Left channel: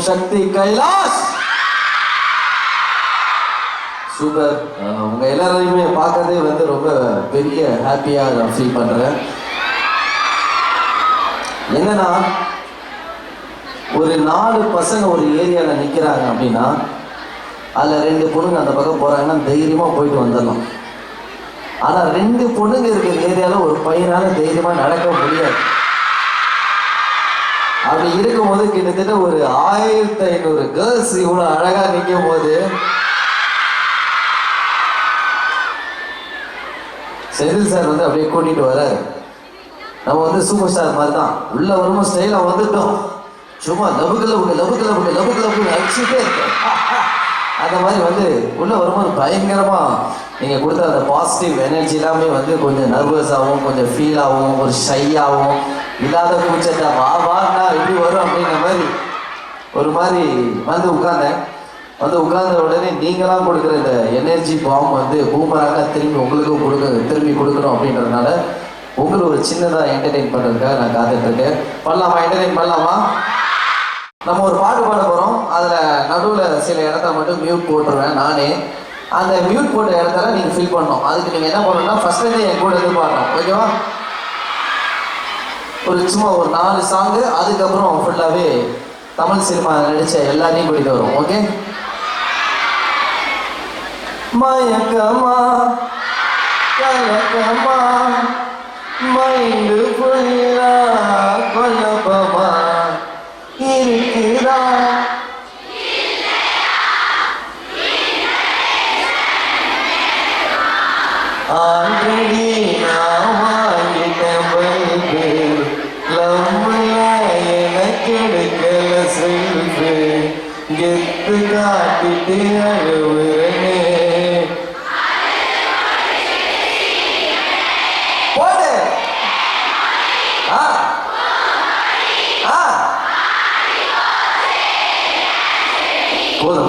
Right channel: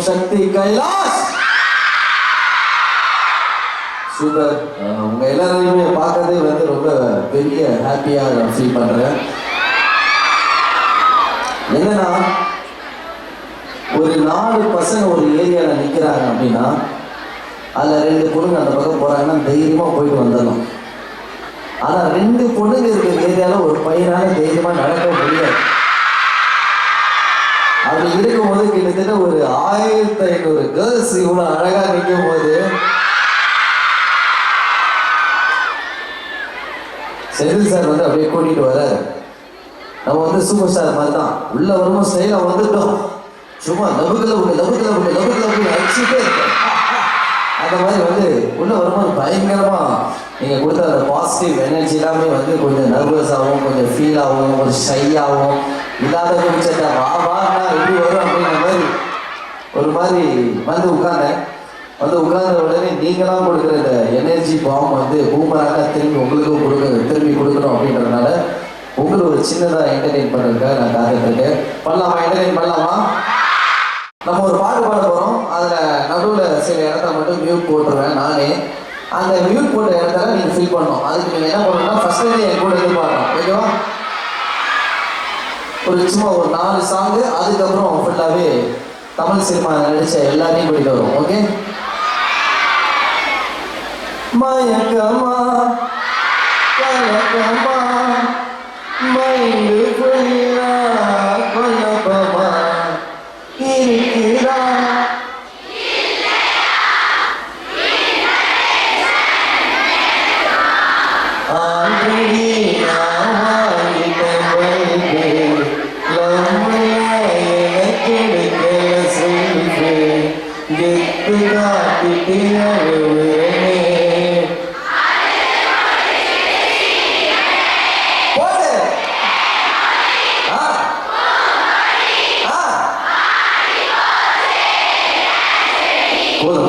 ஓம் சக்தி Kailash. Super. உங்க எல்லாரையுமே பார்க்கறதே வந்து ரொம்ப பெரிய ஹாப்பியா ஃபீல் பண்றேன். என்னன்னா ஒரு 4 பசங்க ஒரு ஏரியால நிக்கிறாங்க அப்படின்னா அதுல 2 பொண்ணுங்க அந்த பக்கம் போறாங்கன்னா தைரியமா போயிட்டு வந்துடலாம். ஆனா 2 பொண்ணுங்க இருக்கிற ஏரியால ஒரு பையனால தைரியமா நடக்க முடியாது. அப்படி இருக்கும்போது கிட்டத்தட்ட ஒரு 1500 கேர்ள்ஸ் இவ்வளவு அழகா நிற்கும் போது செந்தில் சார் வந்து அப்படியே கூட்டிட்டு வராரு. நம்ம வந்து சூப்பர் ஸ்டார் மாதிரி தான் உள்ள வரும்போது ஸ்டைலா வந்துட்டோம். சும்மா லபுக்கு அடிச்சுட்டே இருக்கேன். அந்த மாதிரி வந்து உள்ள வரும்போது பயங்கரமா நீங்க கொடுத்த அந்த பாசிட்டிவ் எனர்ஜி எல்லாமே வந்து கொஞ்சம் நர்வஸ் ஆகும், கொஞ்சம் ஃபீல் ஆகும், ஒரு ஷை ஆகும். இல்லாத குடிச்சா வானா எப்படி வரும் அப்படிங்கிற மாதிரி ஒரு மாதிரி வந்து உட்கார்ந்தேன். வந்து உட்கார்ந்த உடனே நீங்களாம் கொடுக்குற இந்த எனர்ஜி பாம் வந்து பூமராக திரும்பி கொடுக்கணும் அப்படின்றதுனால உங்களுக்கு ஒரு சின்னதாக என்டர்டெயின் பண்ணுறதுக்காக நான் காத்துட்ருக்கேன். பண்ணலாமா? என்டர்டெயின் பண்ணலாமா? நம்ம ஒரு பாட்டு பாட போகிறோம். அதில் நடுவில் சில இடத்த மட்டும் மியூட் போட்டுருவேன் நானே. அந்த மியூட் போட்ட இடத்துல நீங்கள் ஃபில் பண்ணணும். அதுக்கு நீங்கள் என்ன பண்ணணும்னா ஃபஸ்ட்லேருந்து என் கூட இது பாடணும். ஓகேவா? ஒரு சும்மா ஒரு 4 சாங்கு, அதுக்கப்புறம் ஃபுல்லாகவே தமிழ் சினிமா நடித்த எல்லாரையும் கூட்டிகிட்டு வரும். ஓகே? மயக்கமா கலக்கமா மைண்டு புரியா கொல்லப்பமா இருக்கிறா ஆல்ரெடி நான் வாங்கிட்ட பைக்கு லம்மையா எனக்கு எடுக்கல செல்ஃபு கெத்து காட்டிட்டு அழுவுறனே.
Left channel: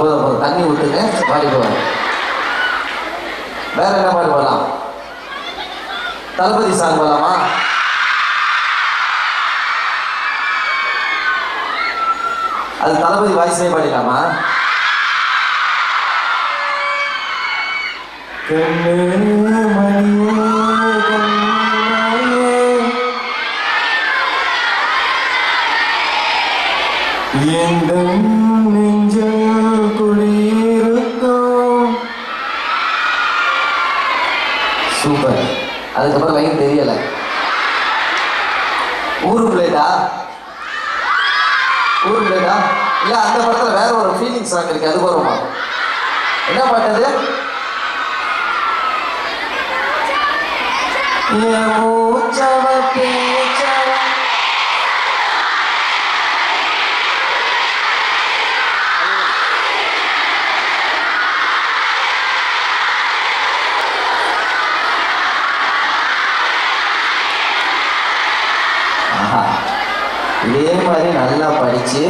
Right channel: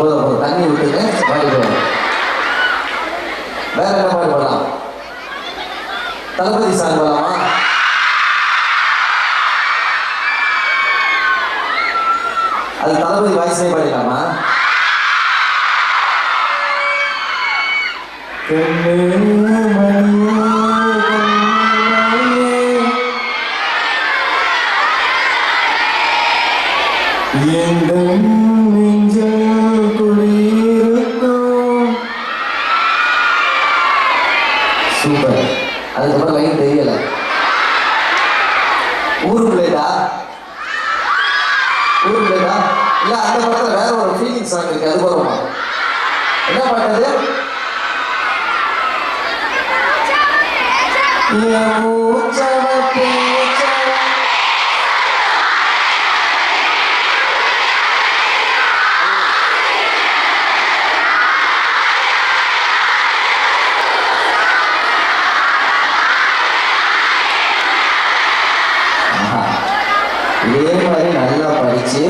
போதும் தண்ணி விட்டுங்க, பாடிடுவாங்க. வேற என்ன பாட்டு போடலாம்? தளபதி சாங் போடலாமா? அது தளபதி வாய்ஸ்லேயே பாடிடலாமா? சூப்பர். அதுக்கப்புறம் லைன் தெரியல. ஊருக்குள்ளேடா இல்ல அந்த படத்துல வேற ஒரு ஃபீலிங் சாங் இருக்கு, அது வருமா? என்ன பாட்டது? இதே மாதிரி நல்லா படிச்சு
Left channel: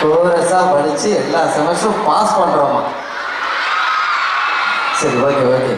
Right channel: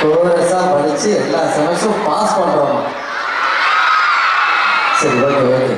கோரஸா படிச்சு எல்லா செமஸ்டரும் பாஸ் பண்றோமா? சரி, ஓகே.